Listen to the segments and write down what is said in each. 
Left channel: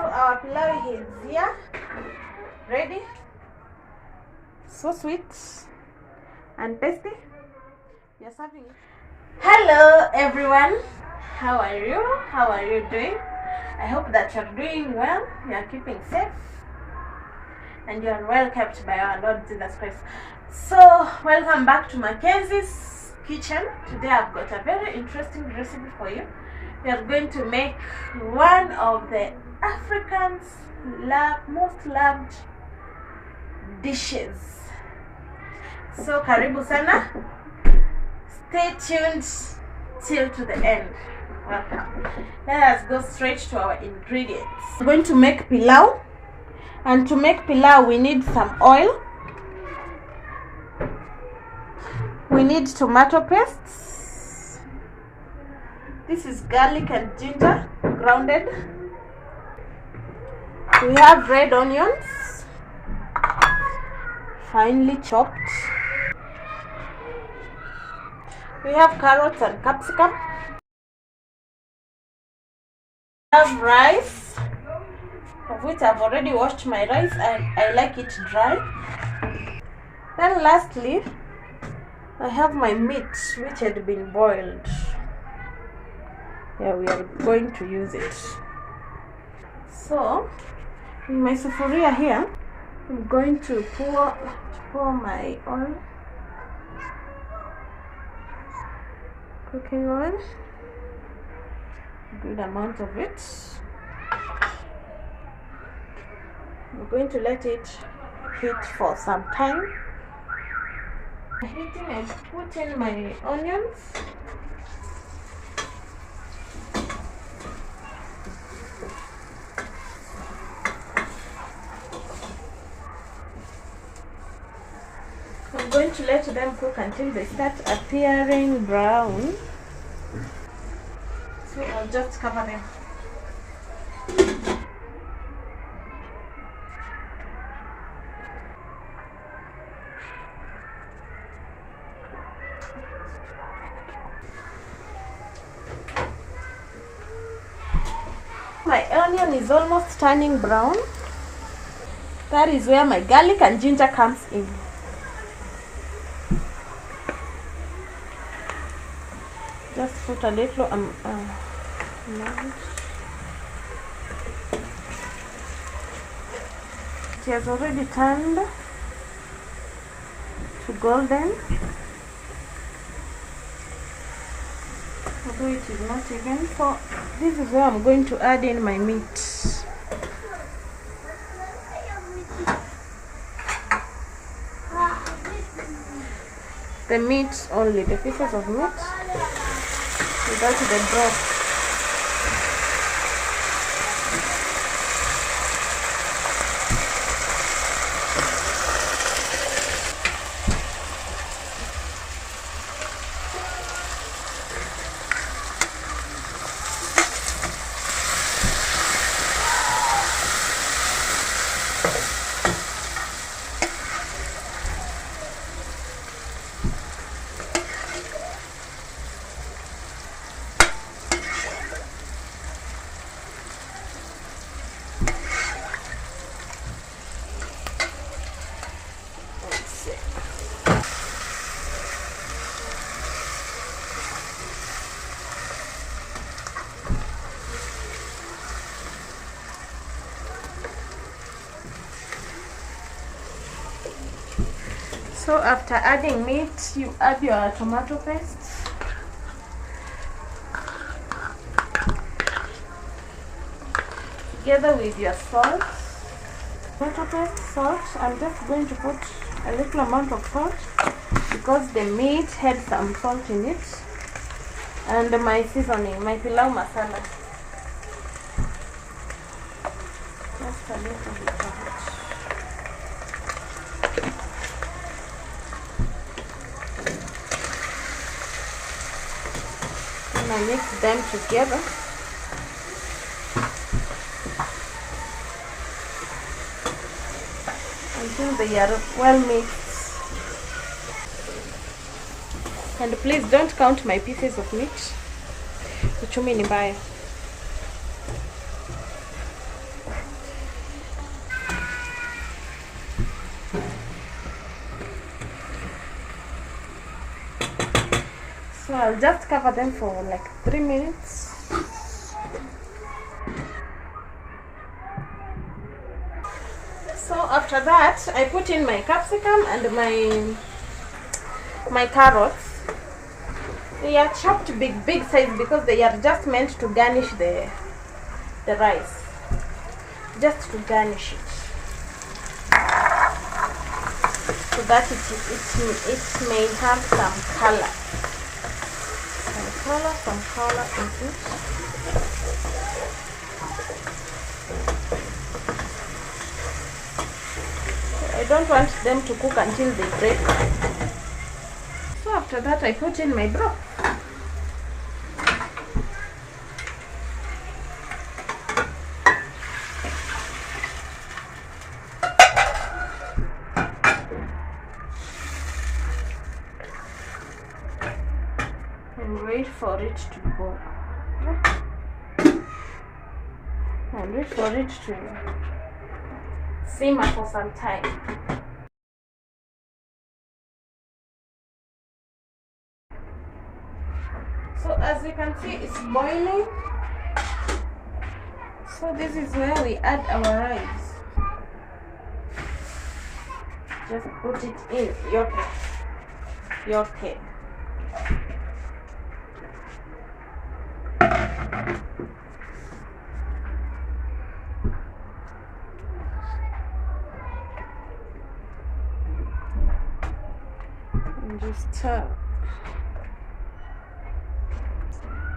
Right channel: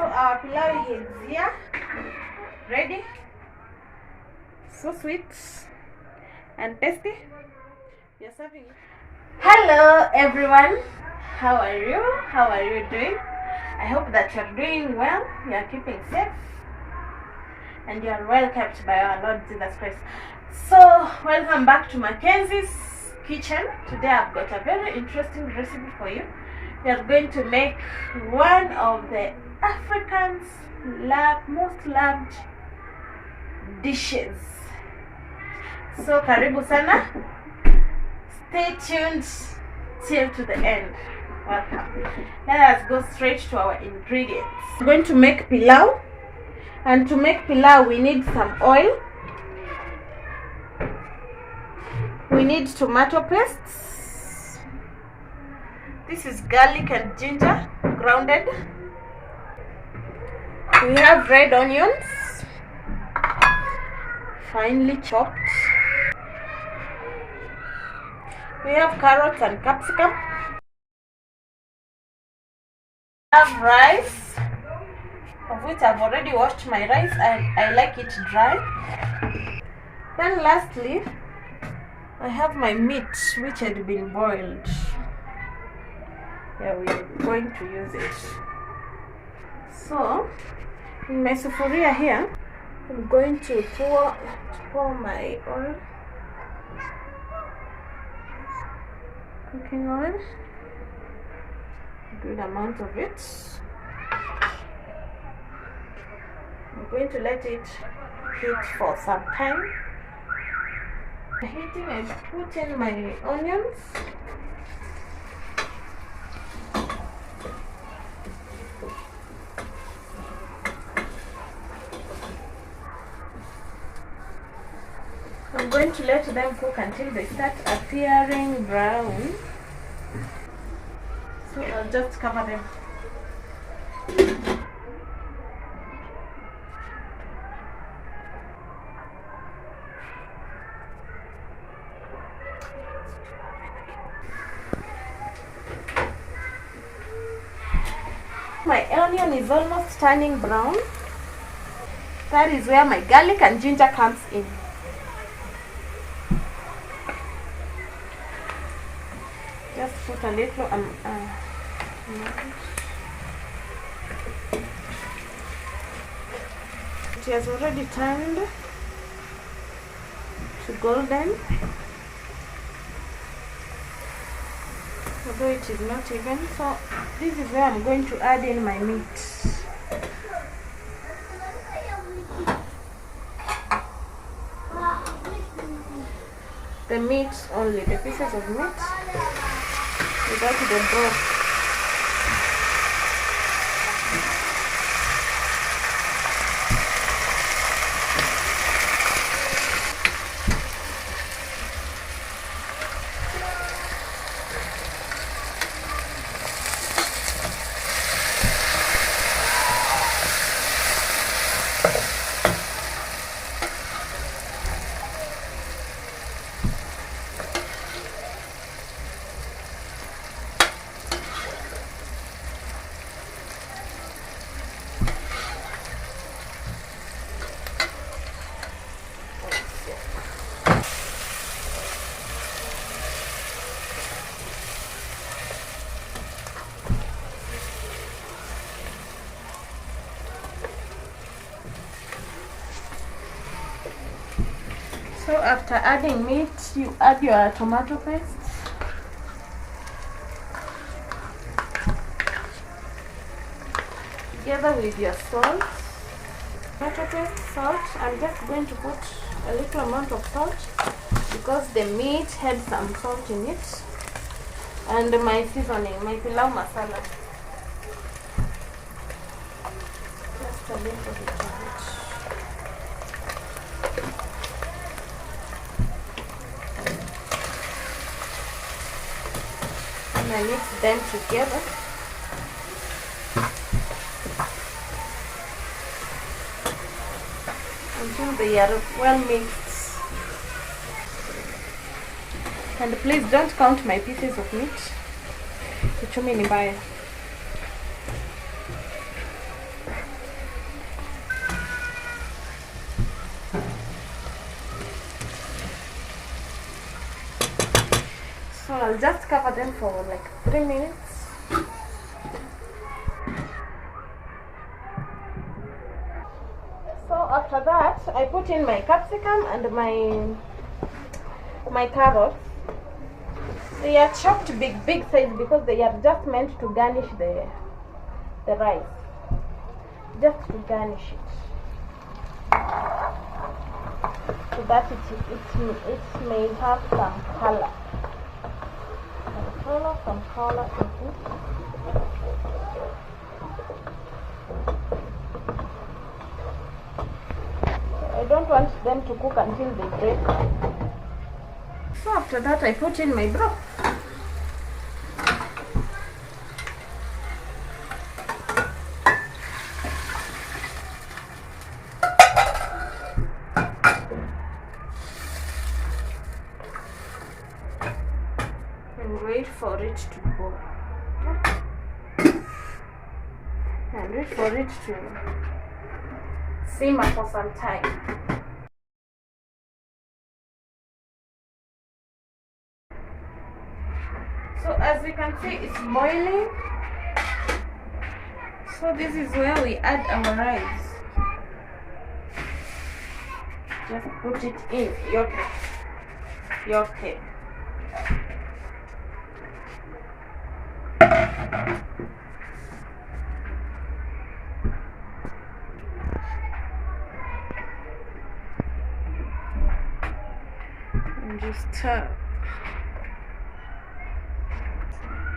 So our pilau is here, ready. So sweet and tasty. We are serving it. Hello everyone, how are you? How are you doing? I hope that you're doing well, you are keeping safe, and you are well kept by our Lord Jesus Christ. So welcome back to Mackenzie's kitchen. Today I've got a very interesting recipe for you. We are going to make one of the Africans' most loved dishes. So karibu sana. Stay tuned till to the end. Welcome. Let us go straight to our ingredients. We're going to make pilau, and to make pilau we need some oil. We need tomato paste. This is garlic and ginger grounded. We have red onions, finely chopped. We have carrots and capsicum. We have rice, of which I've already washed my rice and I like it dry. Then lastly, I have my meat which had been boiled. Yeah, we are going to use it. So, in my sufuria here, I'm going to pour my oil, cooking oil, good amount of it. I'm going to let it heat for some time. Heating, I put in my onions. I'm going to let them cook until they start appearing brown. So I'll just cover them. My onion is almost turning brown. That is where my garlic and ginger comes in. Just put a little it has already turned to golden, although it is not even. So this is where I'm going to add in my meat. The meat only, the pieces of meat, without the broth. So after adding meat, you add your tomato paste. Together with your salt. Tomato paste, salt. I'm just going to put a little amount of salt because the meat had some salt in it. And my seasoning, my pilau masala. Just a little bit of it. I mix them together. Until they are well mixed. And please don't count my pieces of meat. Uchumi ni mbaya. just cover them for like 3 minutes. So after that, I put in my capsicum and my carrots. They are chopped big size because they are just meant to garnish the rice, just to garnish it, so that it may have some color. Some color in it. I don't want them to cook until they break. So after that, I put in my broth. And wait for it to boil. And wait for it to simmer for some time. So as you can see, it's boiling. So this is where we add our rice. Just put it in yoke. And just stir.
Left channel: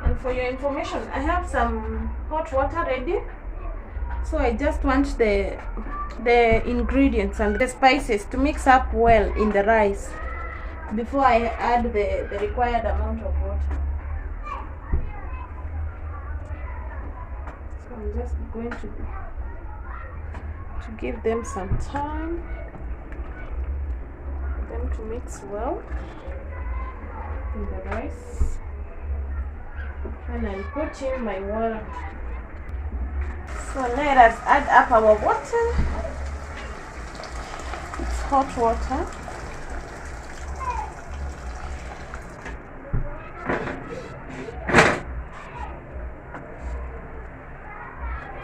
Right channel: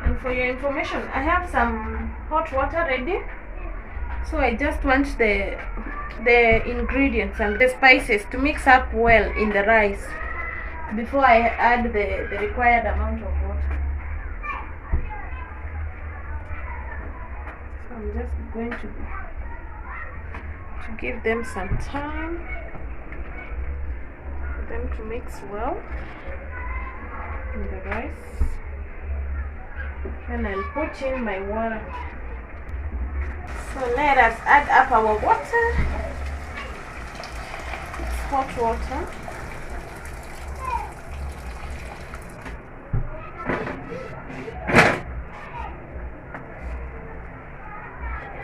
And for your information, I have some hot water ready. So I just want the ingredients and the spices to mix up well in the rice before I add the required amount of water. So I'm just going to give them some time for them to mix well in the rice. And I'll put in my water. So let us add up our water. It's hot water.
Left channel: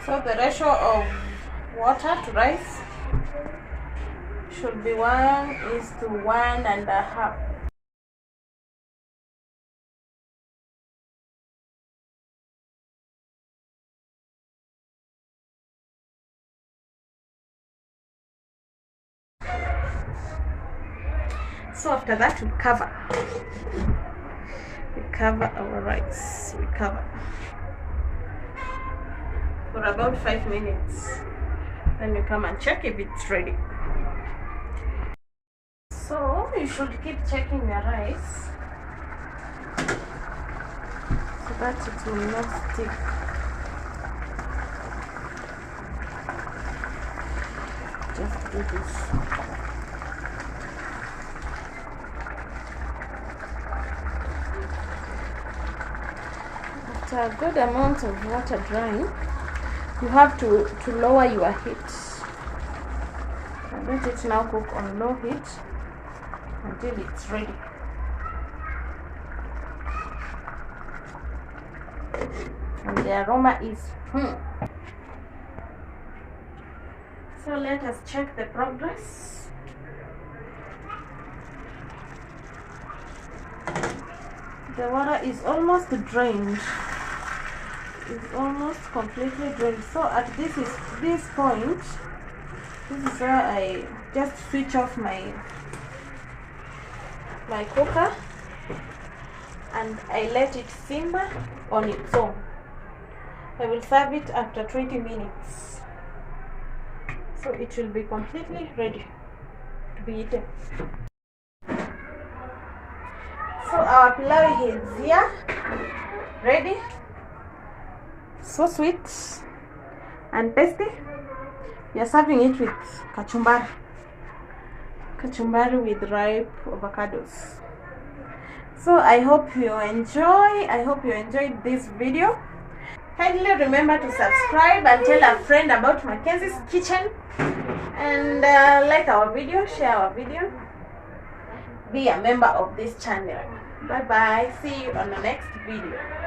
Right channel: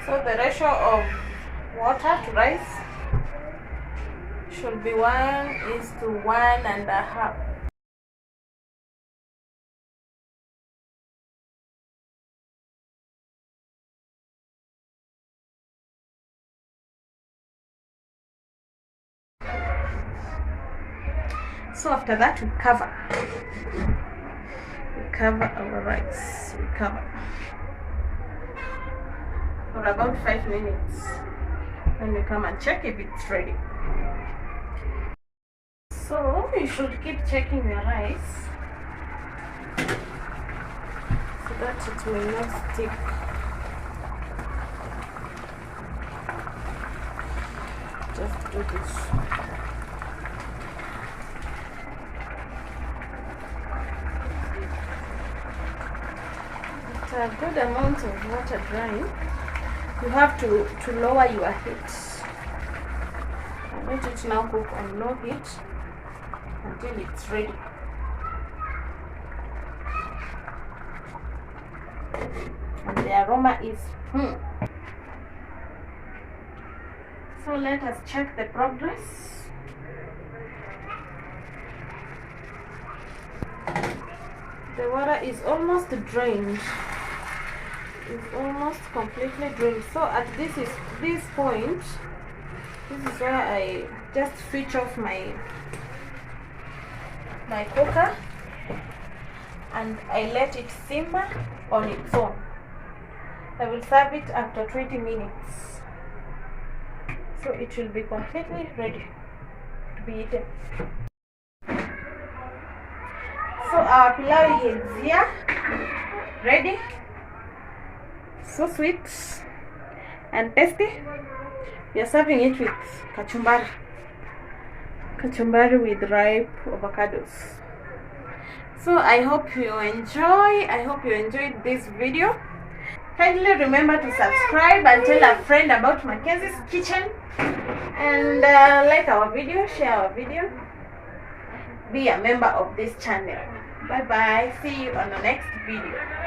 So the ratio of water to rice should be 1:1.5. So after that, we cover our rice. We cover for about 5 minutes. Then we come and check if it's ready. So you should keep checking your rice so that it will not stick. Just do this. After a good amount of water drying, you have to lower your heat. And let it now cook on low heat until it's ready. And the aroma is So let us check the progress. The water is almost drained. It's almost completely drained. So at this point, this is where I just switch off my cooker and I let it simmer on its own. I will serve it after 20 minutes. So it will be completely ready to be eaten. So our pilau is here, ready. So sweet and tasty. We are serving it with kachumbari with ripe avocados. So I hope you enjoyed this video. Kindly remember to subscribe and tell a friend about Mackenzie's Kitchen, and like our video, share our video, be a member of this channel. Bye bye. See you on the next video.